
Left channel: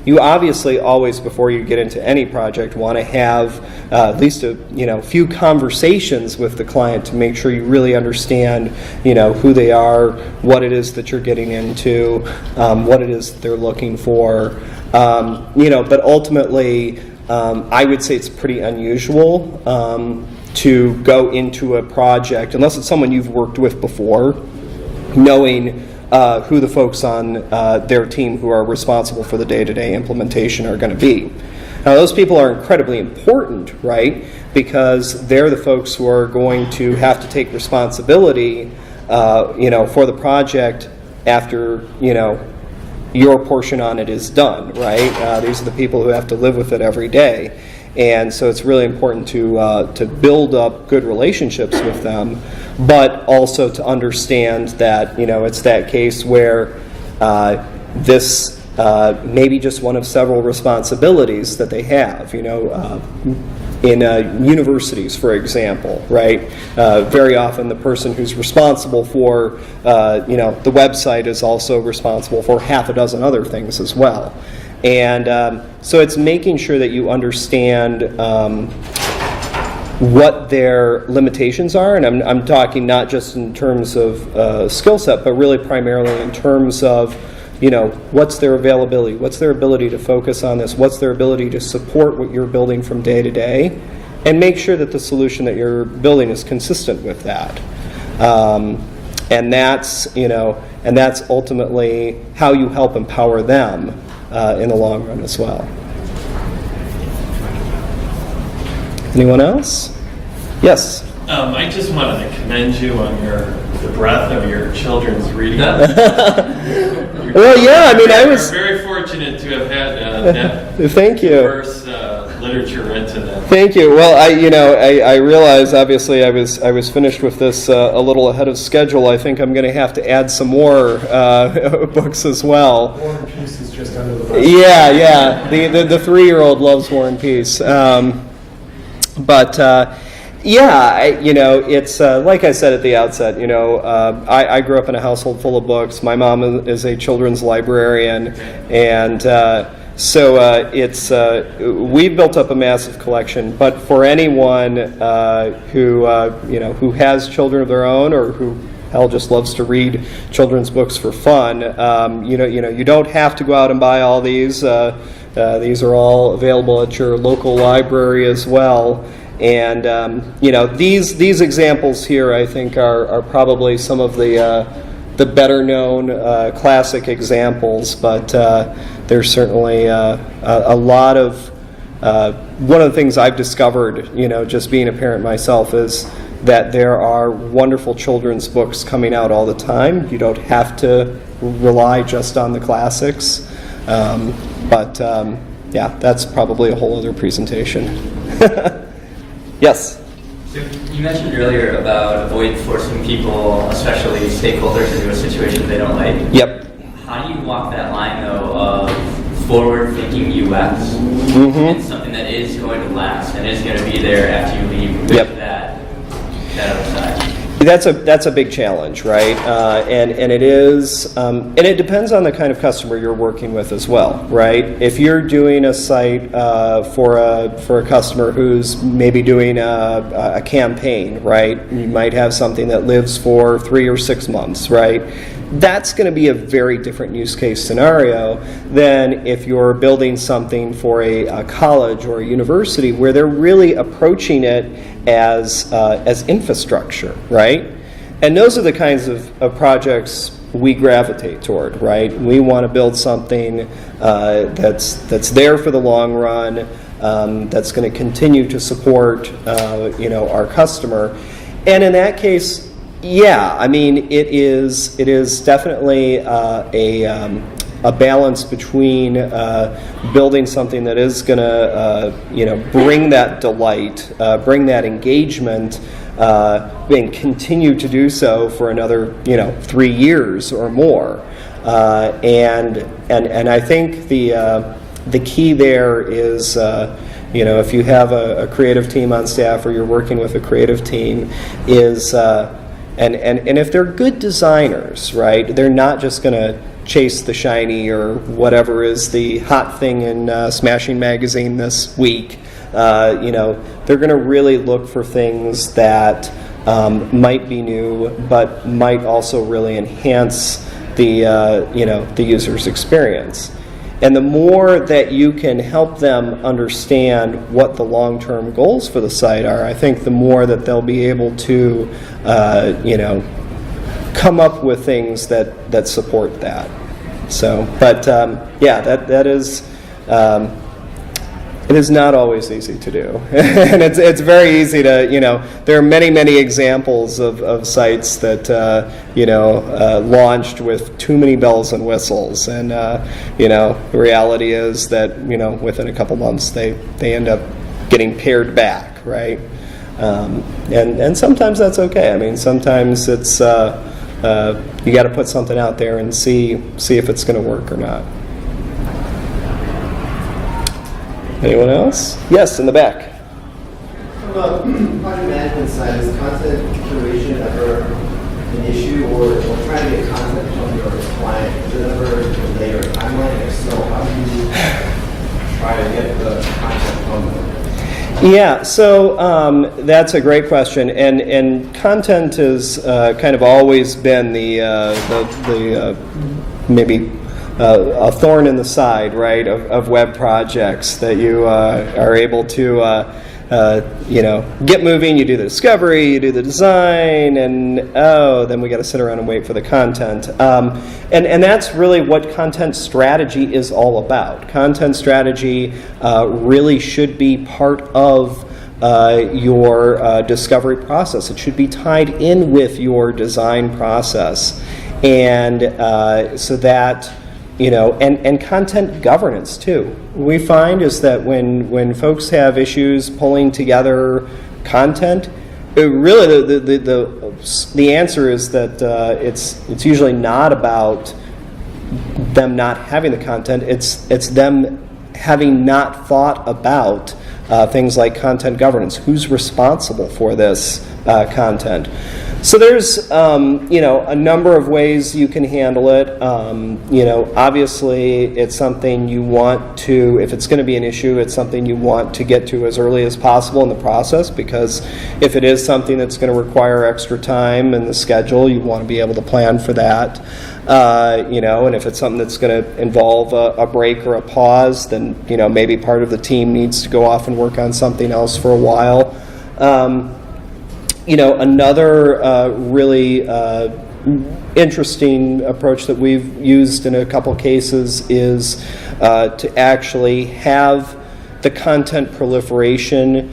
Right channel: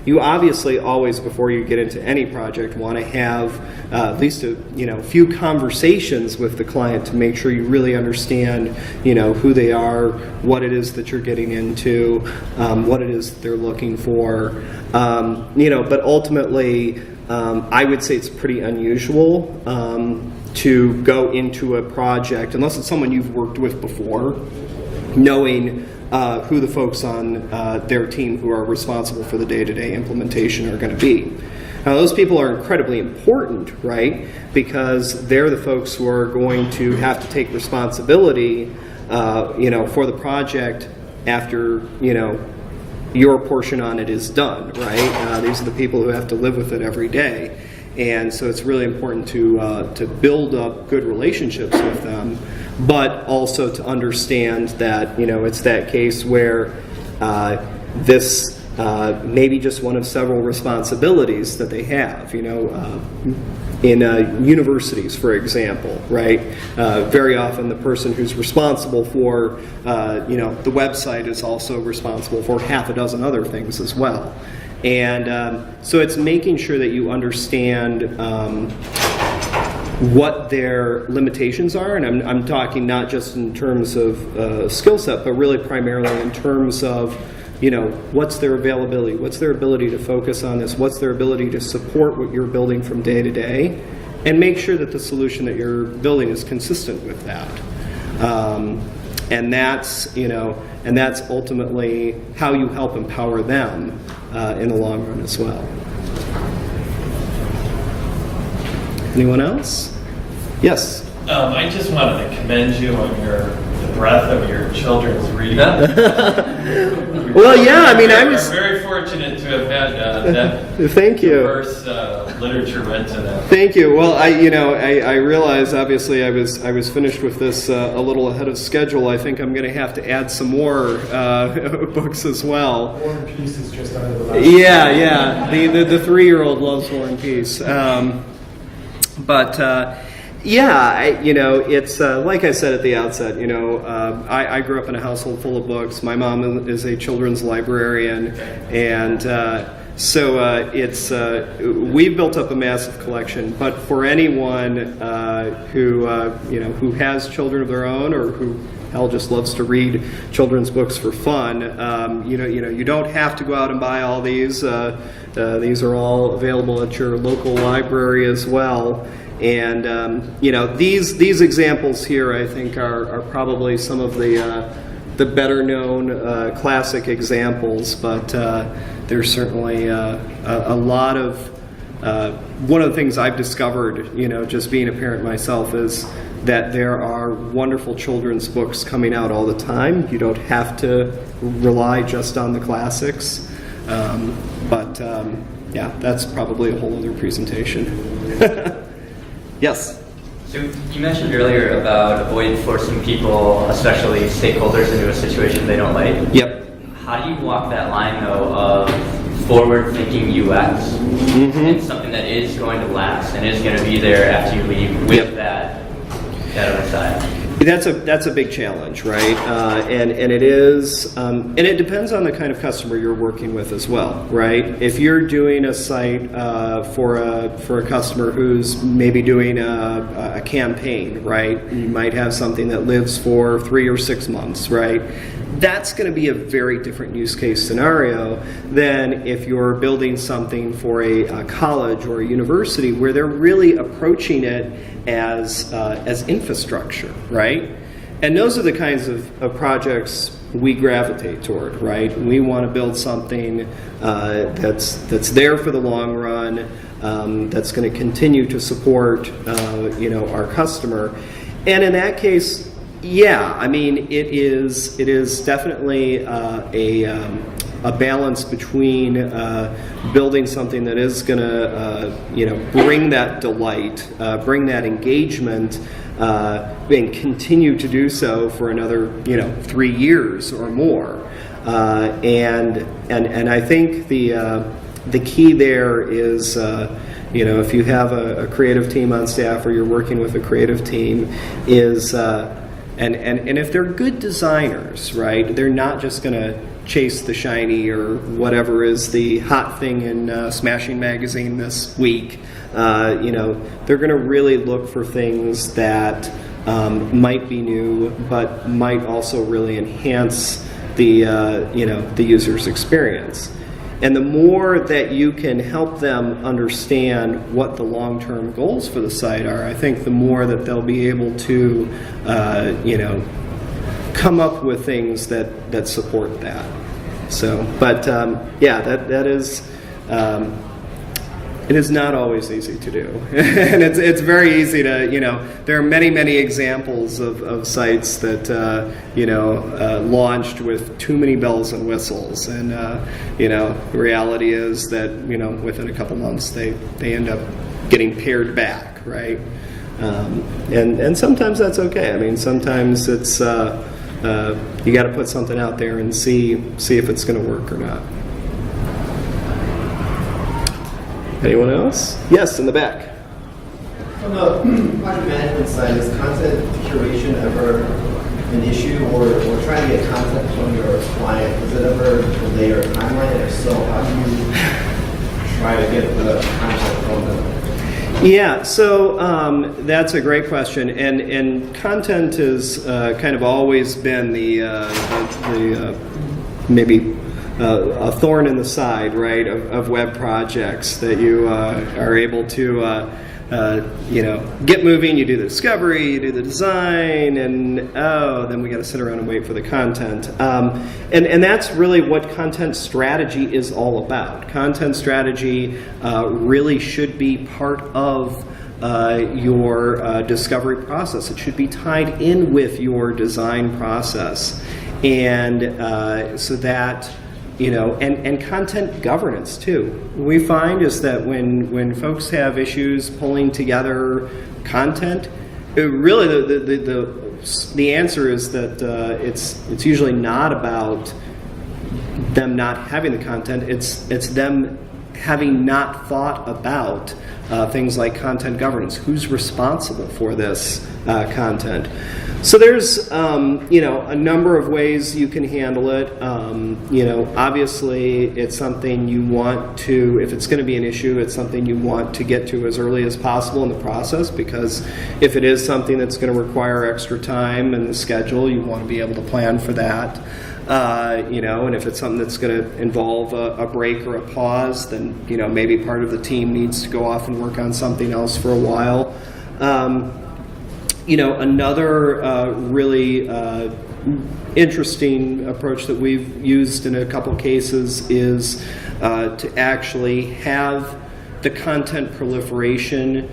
You obviously always, before you get into any project, want to have at least a few conversations with the client to make sure you really understand who they are, what it is that you're getting into, what it is that they're looking for. But ultimately, I would say it's pretty unusual to go into a project, unless it's someone you've worked with before, knowing who the folks on their team who are responsible for the day-to-day implementation are going to be. Now, those people are incredibly important, right? Because they're the folks who are going to have to take responsibility, for the project after, your portion on it is done, right? These are the people who have to live with it every day. And so it's really important to build up good relationships with them, but also to understand that it's that case where this may be just one of several responsibilities that they have. In universities, for example, right? Very often the person who's responsible for the website is also responsible for half a dozen other things as well. And so it's making sure that you understand what their limitations are, and I'm talking not just in terms of skill set, but really primarily in terms of what's their availability, what's their ability to focus on this, what's their ability to support what you're building from day to day, and make sure that the solution that you're building is consistent with that. And that's ultimately how you help empower them in the long run as well. Anyone else? Yes. I just wanted to commend you on the breadth of your children's reading. Well, yeah, I'm very fortunate to have had that Thank you. diverse literature read to them. Thank you. Well, I realize obviously I was finished with this a little ahead of schedule. I think I'm going to have to add some more books as well. War and Peace is just under the bus. Yeah. The 3-year-old loves War and Peace. It's like I said at the outset. I grew up in a household full of books. My mom is a children's librarian, and so we've built up a massive collection. But for anyone who has children of their own, or who just loves to read children's books for fun, you don't have to go out and buy all these. These are all available at your local library as well. And these examples here, I think, are probably some of the better known classic examples. But there's certainly a lot of one of the things I've discovered, just being a parent myself, is that there are wonderful children's books coming out all the time. You don't have to rely just on the classics. That's probably a whole other presentation. Yes? So you mentioned earlier about avoid forcing people, especially stakeholders, into a situation they don't like. Yep. How do you walk that line, though, of forward-thinking UX and something that is going to last and is going to be there after you leave with that other side? That's a big challenge, right? And it is, and it depends on the kind of customer you're working with as well, right? If you're doing a site for a customer who's maybe doing a campaign, right? You might have something that lives for 3 or 6 months, right? That's going to be a very different use case scenario than if you're building something for a college or a university where they're really approaching it as infrastructure, right? And those are the kinds of projects we gravitate toward, right? We want to build something that's there for the long run, that's going to continue to support our customer. And in that case, yeah, I mean, it is definitely a balance between building something that is going to bring that delight, bring that engagement, and continue to do so for another 3 years or more. And I think the key there is if you have a creative team on staff or you're working with a creative team, is and if they're good designers, right, they're not just going to chase the shiny or whatever is the hot thing in Smashing Magazine this week. They're going to really look for things that might be new, but might also really enhance the user's experience. And the more that you can help them understand what the long-term goals for the site are, I think the more that they'll be able to, come up with things that support that. So, but that is. It is not always easy to do, and it's very easy to there are many examples of sites that launched with too many bells and whistles, and the reality is that within a couple months they end up getting pared back, right? And sometimes that's okay. I mean, sometimes it's you got to put something out there and see if it's going to work or not. Anyone else? Yes, in the back. From the project management side, is content curation ever an issue, or trying to get content from your client? Is it ever delayed or timeline? If so, how do you try to get the content from them? Yeah, so that's a great question, and content has kind of always been the maybe a thorn in the side, right, of web projects, that you are able to get moving. You do the discovery, you do the design, and then we got to sit around and wait for the content. And that's really what content strategy is all about. Content strategy really should be part of your discovery process. It should be tied in with your design process, and so that and content governance too. We find is that when folks have issues pulling together content, really the answer is that it's usually not about them not having the content. It's them having not thought about things like content governance. Who's responsible for this content? So there's a number of ways you can handle it. Obviously it's something you want to, if it's going to be an issue, it's something you want to get to as early as possible in the process, because if it is something that's going to require extra time in the schedule, you want to be able to plan for that. And if it's something that's going to involve a break or a pause, then maybe part of the team needs to go off and work on something else for a while. Another really interesting approach that we've used in a couple cases is to actually have the content proliferation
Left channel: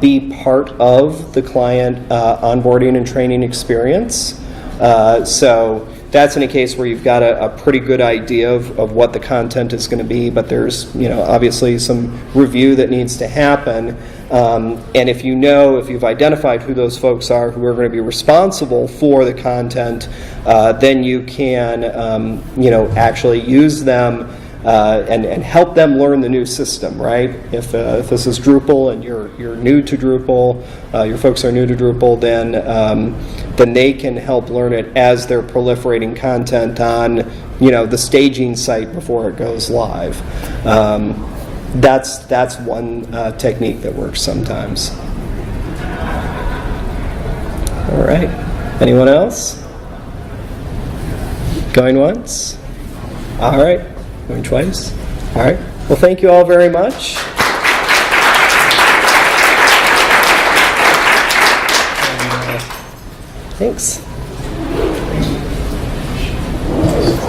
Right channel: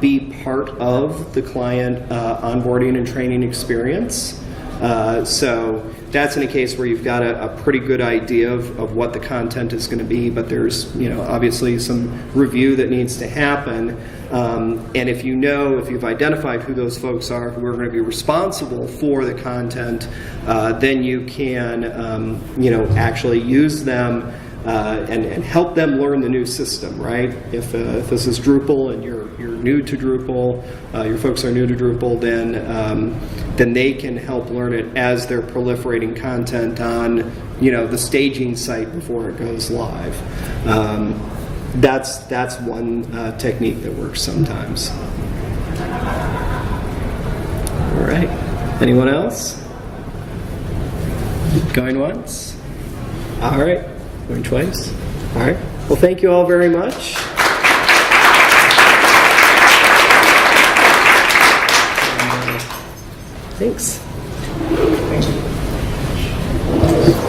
be part of the client onboarding and training experience. So that's in a case where you've got a pretty good idea of what the content is going to be, but there's obviously some review that needs to happen. And if you've identified who those folks are who are going to be responsible for the content, then you can actually use them and help them learn the new system, right? If this is Drupal and you're new to Drupal, your folks are new to Drupal, then they can help learn it as they're proliferating content on the staging site before it goes live. That's one technique that works sometimes. All right. Anyone else? Going once? All right. Going twice? All right. Well, thank you all very much. Thanks. Thank you.